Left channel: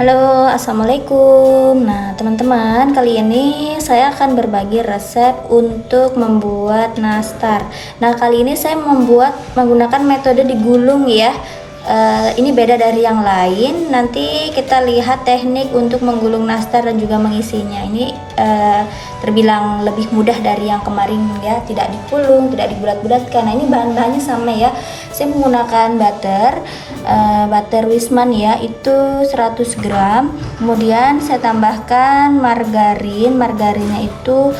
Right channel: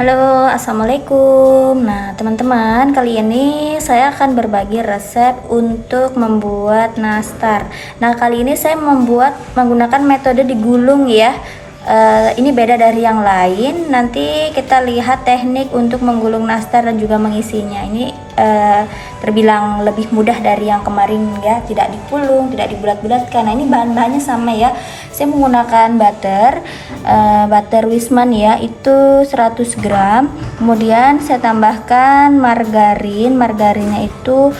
Halo, assalamualaikum. Nah, teman-teman, kali ini saya akan berbagi resep untuk membuat nastar. Nah, kali ini saya menggunakan metode digulung ya. Ini beda dari yang lain. Nanti kita lihat teknik untuk menggulung nastar dan juga mengisinya. Ini terbilang lebih mudah dari yang kemarin ya. Tidak digulung, tidak dibulat-bulatkan. Nah, ini bahan-bahannya sama ya. Saya menggunakan butter Wisman ya, itu 100 gram. Kemudian saya tambahkan margarinnya itu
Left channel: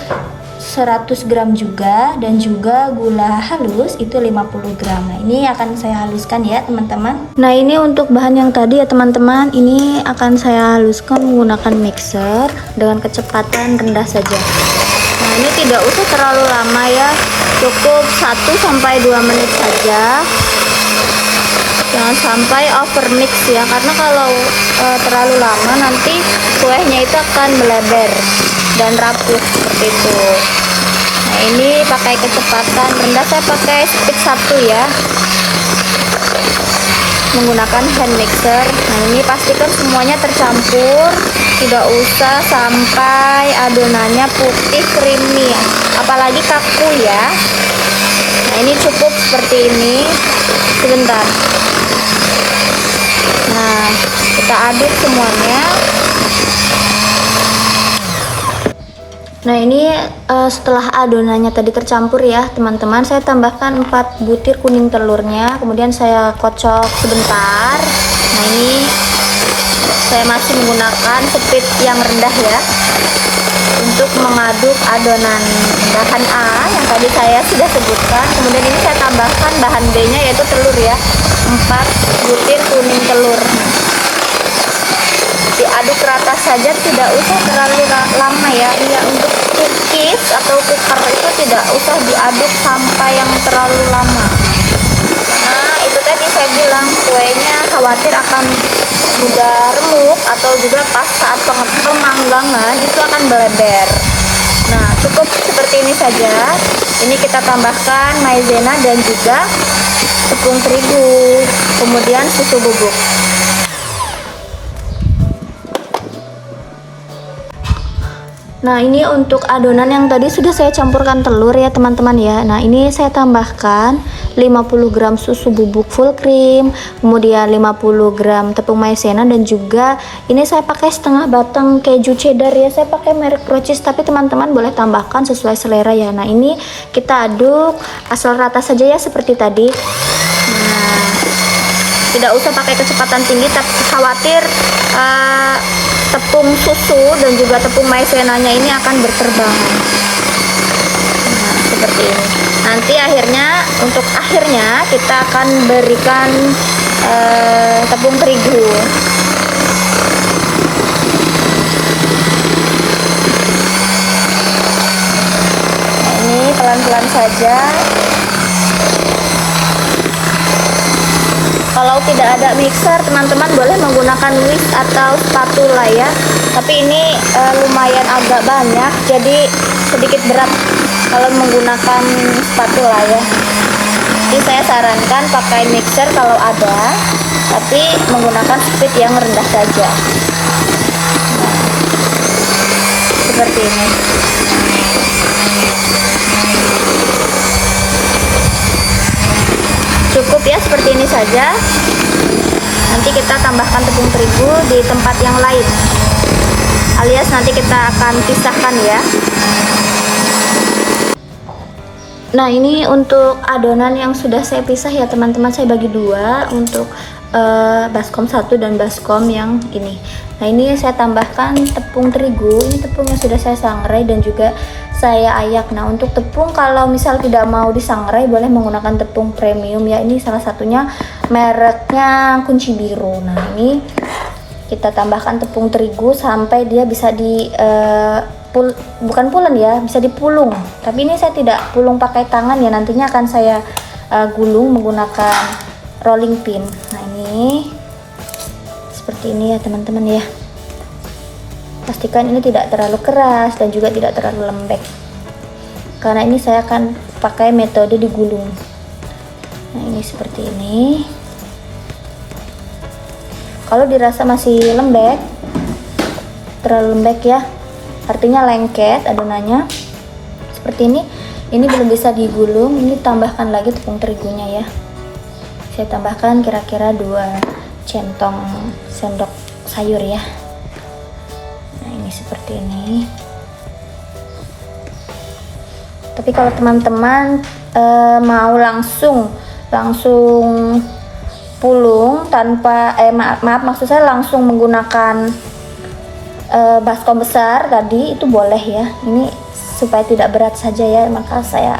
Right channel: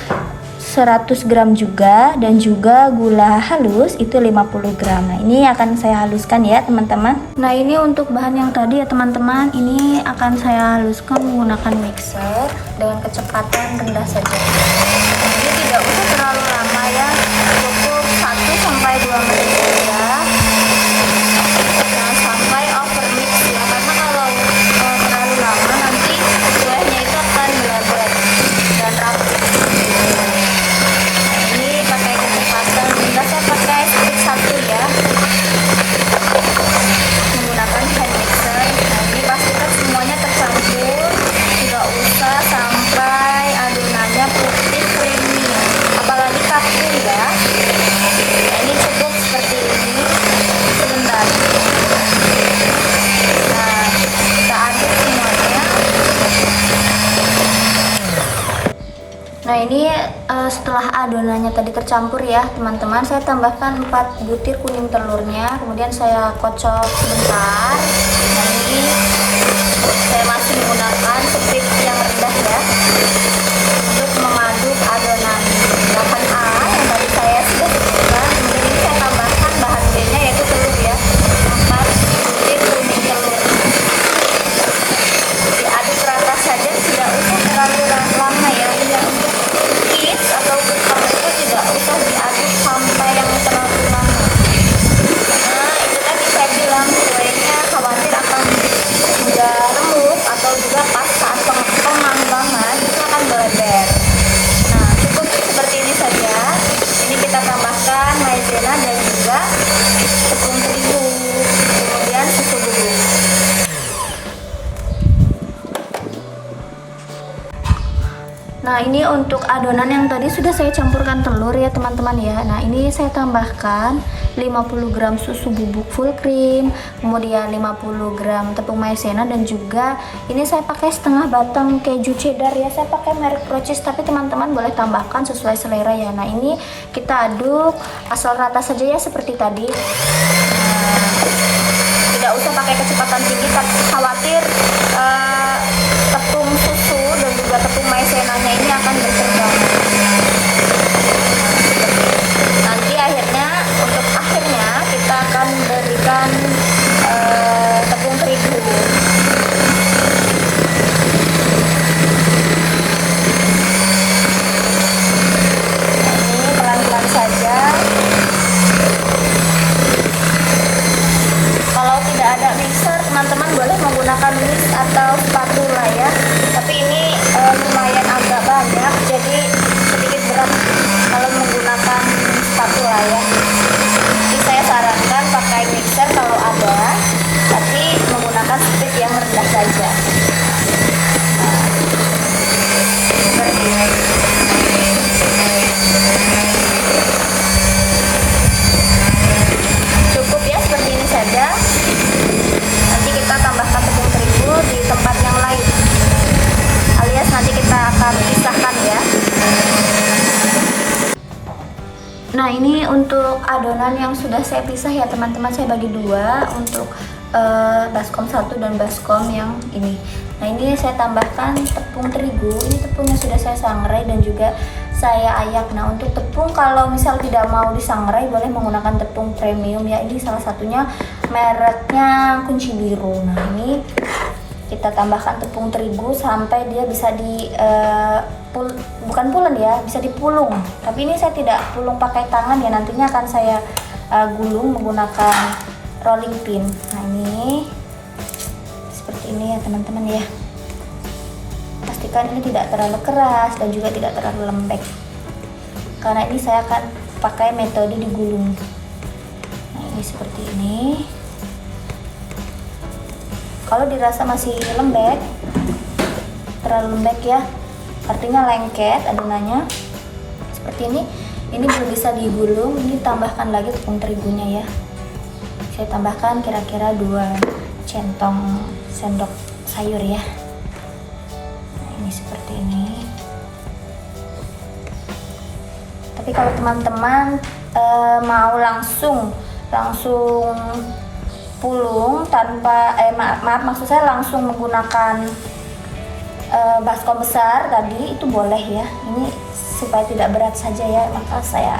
100 gram juga, dan juga gula halus itu 50 gram. Nah, ini akan saya haluskan ya teman-teman. Nah, ini untuk bahan yang tadi ya teman-teman, ini akan saya haluskan menggunakan mixer dengan kecepatan rendah saja. Nah, ini tidak usah terlalu lama ya, cukup 1-2 menit saja. Jangan sampai overmix ya, karena kalau terlalu lama nanti kuenya itu akan melebar dan rapuh gitu. Nah, ini pakai kecepatan rendah, saya pakai speed 1 ya, menggunakan hand mixer. Nah, ini pastikan semuanya tercampur, tidak usah sampai adonannya putih creamy, apalagi kaku ya. Nah, ini cukup seperti ini. Sebentar. Nah, kita aduk semuanya. Nah, ini setelah adonannya tadi tercampur ya teman-teman, saya tambahkan 4 butir kuning telurnya, kemudian saya kocok sebentar. Nah, ini saya masih menggunakan speed yang rendah ya, untuk mengaduk adonan bahan A yang tadi saya sudah sebutkan. Kemudian ini saya tambahkan bahan B nya, yaitu telur ya, 4 butir kuning telur. Diaduk rata saja, tidak usah terlalu lama ya. Cookies atau cookies itu tidak usah diaduk sampai yang terlalu lama. Nah, itu tadi saya bilang kuenya khawatir akan sudah renyah atau juga pas saat pemanggangan itu akan beredar. Nah, cukup seperti ini saja. Ini kita tambahkan maizena dan juga tepung terigu, kemudian susu bubuk. Nah, ini untuk adonan yang tadi sudah saya campurkan telur ya teman-teman ya. Nah, ini saya tambahkan 50 gram susu bubuk full cream, kemudian 50 gram tepung maizena, dan juga ini saya pakai setengah batang keju cheddar ya. Saya pakai merek Procis, tapi teman-teman boleh tambahkan sesuai selera ya. Nah, ini kita aduk asal rata saja ya seperti tadi. Nah, tidak usah pakai kecepatan tinggi, tapi khawatir tepung susu dan juga tepung maizenanya ini akan berkembang. Seperti ini. Nanti untuk akhirnya kita akan berikan tepung terigu. Nah, ini pelan-pelan saja. Kalau tidak ada mixer, teman-teman boleh menggunakan whisk atau spatula ya. Tapi ini lumayan agak banyak, jadi sedikit berat kalau menggunakan spatula ya. Jadi saya sarankan pakai mixer kalau ada, tapi menggunakan speed yang rendah saja. Seperti ini. Cukup ya, seperti ini saja. Nanti kita tambahkan tepung terigu di tempat yang lain, alias nanti kita akan pisahkan ya. Nah, ini untuk adonan yang sudah saya pisah ya teman-teman, saya bagi dua untuk baskom 1 dan baskom yang ini. Nah, ini saya tambahkan tepung terigu. Ini tepung yang sudah saya sangrai dan juga saya ayak. Nah, untuk tepung kalau misal tidak mau disangrai boleh menggunakan tepung premium ya. Ini salah satunya mereknya Kunci Biru. Nah, ini kita tambahkan tepung terigu sampai dia bisa bukan pulen ya, bisa dipulung. Tapi ini saya tidak pulung pakai tangan ya, nantinya akan saya gulung menggunakan rolling pin. Nah, ini seperti ini ya teman-teman ya. Pastikan ini tidak terlalu keras dan juga tidak terlalu lembek, karena ini saya akan pakai metode digulung. Nah, ini seperti ini. Kalau dirasa masih lembek, terlalu lembek ya, artinya lengket adonannya seperti ini belum bisa digulung. Ini tambahkan lagi tepung terigunya ya. Saya tambahkan kira-kira 2 centong sendok sayur ya. Nah ini seperti ini. Tapi kalau teman-teman mau langsung pulung tanpa maaf maksud saya langsung menggunakan baskom besar tadi, itu boleh ya. Ini supaya tidak berat saja ya, maka saya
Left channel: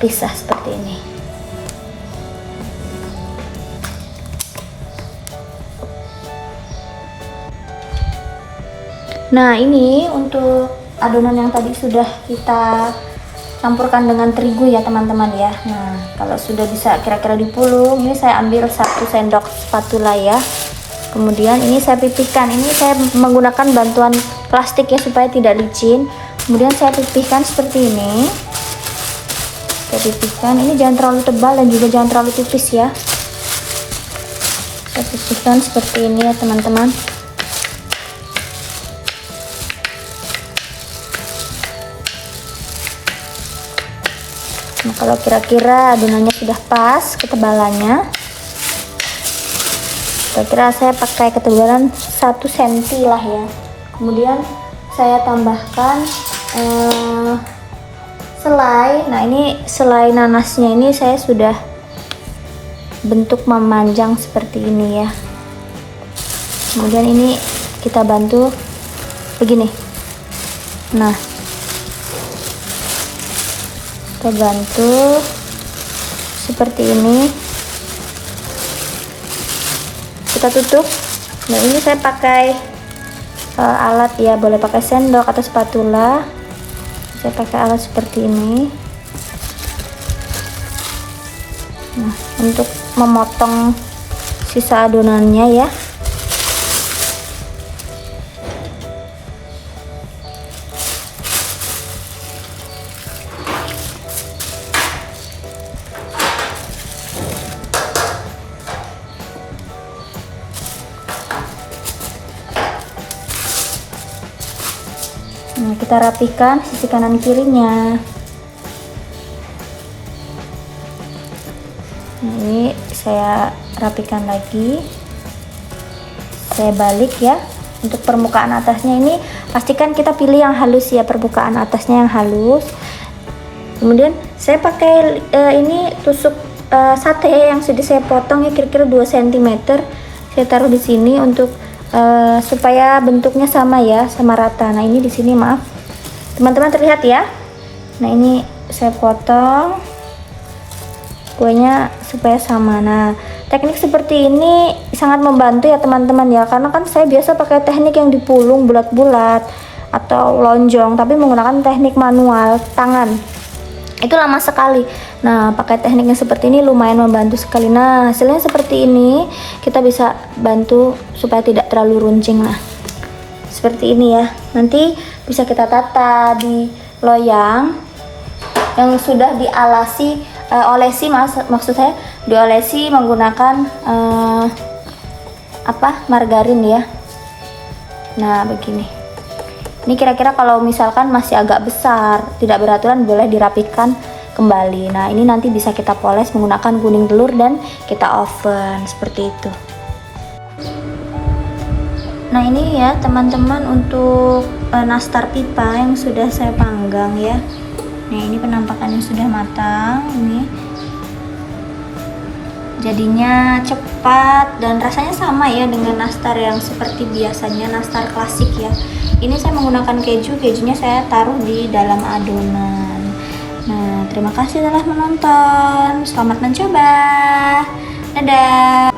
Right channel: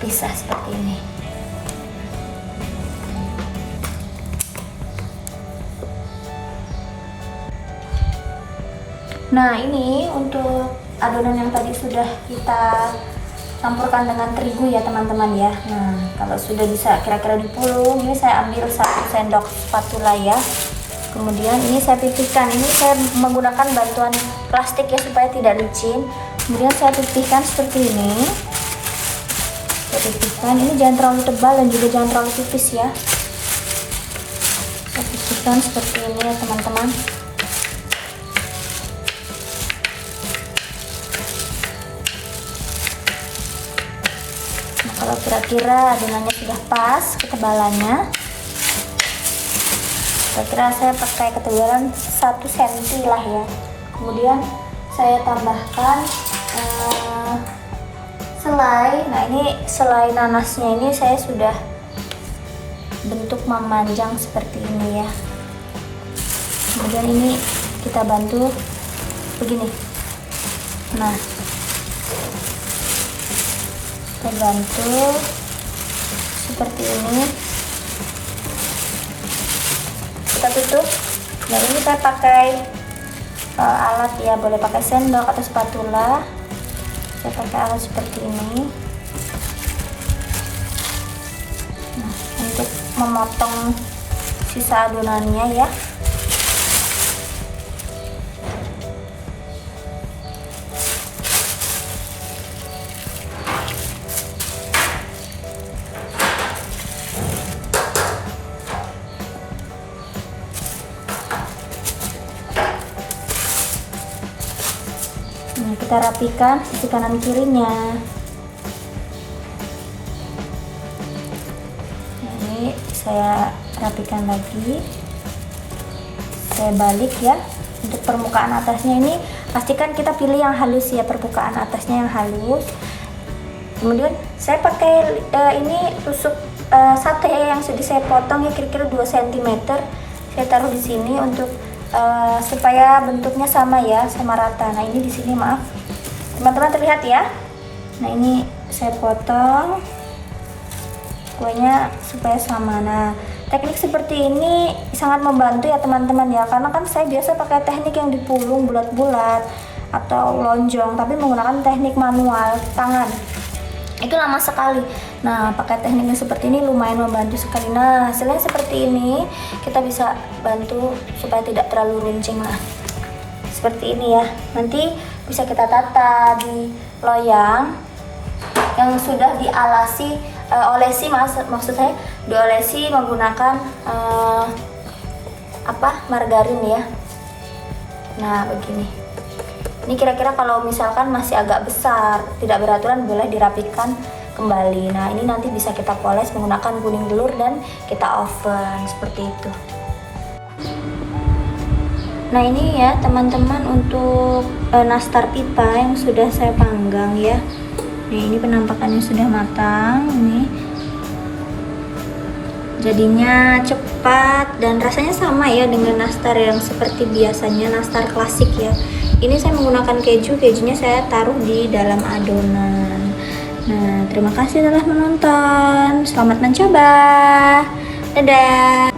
pisah seperti ini. Nah ini untuk adonan yang tadi sudah kita campurkan dengan terigu ya teman-teman ya. Nah kalau sudah bisa kira-kira dipulung, ini saya ambil 1 sendok spatula ya. Kemudian ini saya pipihkan. Ini saya menggunakan bantuan plastik ya supaya tidak licin. Kemudian saya pipihkan seperti ini. Saya pipihkan. Ini jangan terlalu tebal dan juga jangan terlalu tipis ya. Saya pipihkan seperti ini ya teman-teman. Nah kalau kira-kira adonannya sudah pas ketebalannya, kira-kira saya pakai ketebalan 1 cm lah ya. Kemudian saya tambahkan selai. Nah ini selai nanasnya ini saya sudah bentuk memanjang seperti ini ya. Kemudian ini kita bantu begini. Nah kita bantu seperti ini, kita tutup. Nah ini saya pakai alat ya, boleh pakai sendok atau spatula. Saya pakai alat seperti ini untuk memotong sisa adonannya ya. Nah, kita rapikan sisi kanan kirinya. Nah, ini saya rapikan lagi. Saya balik ya. Untuk permukaan atasnya ini pastikan kita pilih yang halus ya, permukaan atasnya yang halus. Kemudian saya pakai ini tusuk sate yang sudah saya potong ya, kira-kira 2 cm. Saya taruh di sini untuk supaya bentuknya sama ya, sama rata. Nah ini di sini maaf teman-teman terlihat ya. Nah ini saya potong kuenya supaya sama. Nah teknik seperti ini sangat membantu ya teman-teman ya, karena kan saya biasa pakai teknik yang dipulung bulat-bulat atau lonjong, tapi menggunakan teknik manual tangan itu lama sekali. Nah pakai tekniknya seperti ini lumayan membantu sekali. Nah hasilnya seperti ini, kita bisa bantu supaya tidak terlalu runcing lah seperti ini ya. Nanti bisa kita tata di loyang yang sudah dialasi maksud saya diolesi menggunakan margarin ya. Nah begini. Ini kira-kira kalau misalkan masih agak besar, tidak beraturan, boleh dirapikan kembali. Nah ini nanti bisa kita poles menggunakan kuning telur dan kita oven seperti itu. Nah ini ya teman-teman untuk nastar pipa yang sudah saya panggang ya. Nah ini penampakannya sudah matang. Ini jadinya cepat dan rasanya sama ya dengan nastar yang seperti biasanya, nastar klasik ya. Ini saya menggunakan kejunya saya taruh di dalam adonan. Nah terima kasih telah menonton, selamat mencoba, dadah.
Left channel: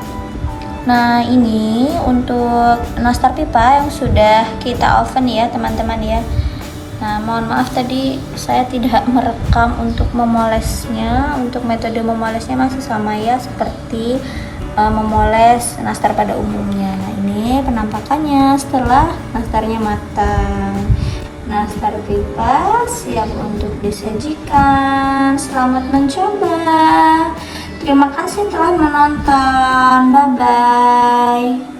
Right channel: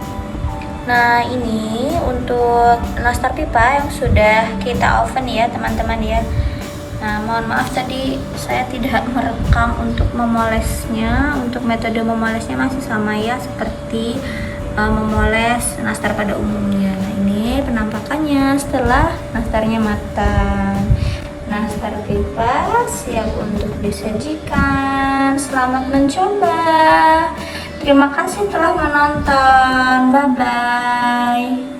Nah ini untuk nastar pipa yang sudah kita oven ya teman-teman ya. Nah mohon maaf tadi saya tidak merekam untuk memolesnya. Untuk metode memolesnya masih sama ya seperti memoles nastar pada umumnya. Nah ini penampakannya setelah nastarnya matang. Nastar pipa siap untuk disajikan. Selamat mencoba. Terima kasih telah menonton. Bye bye.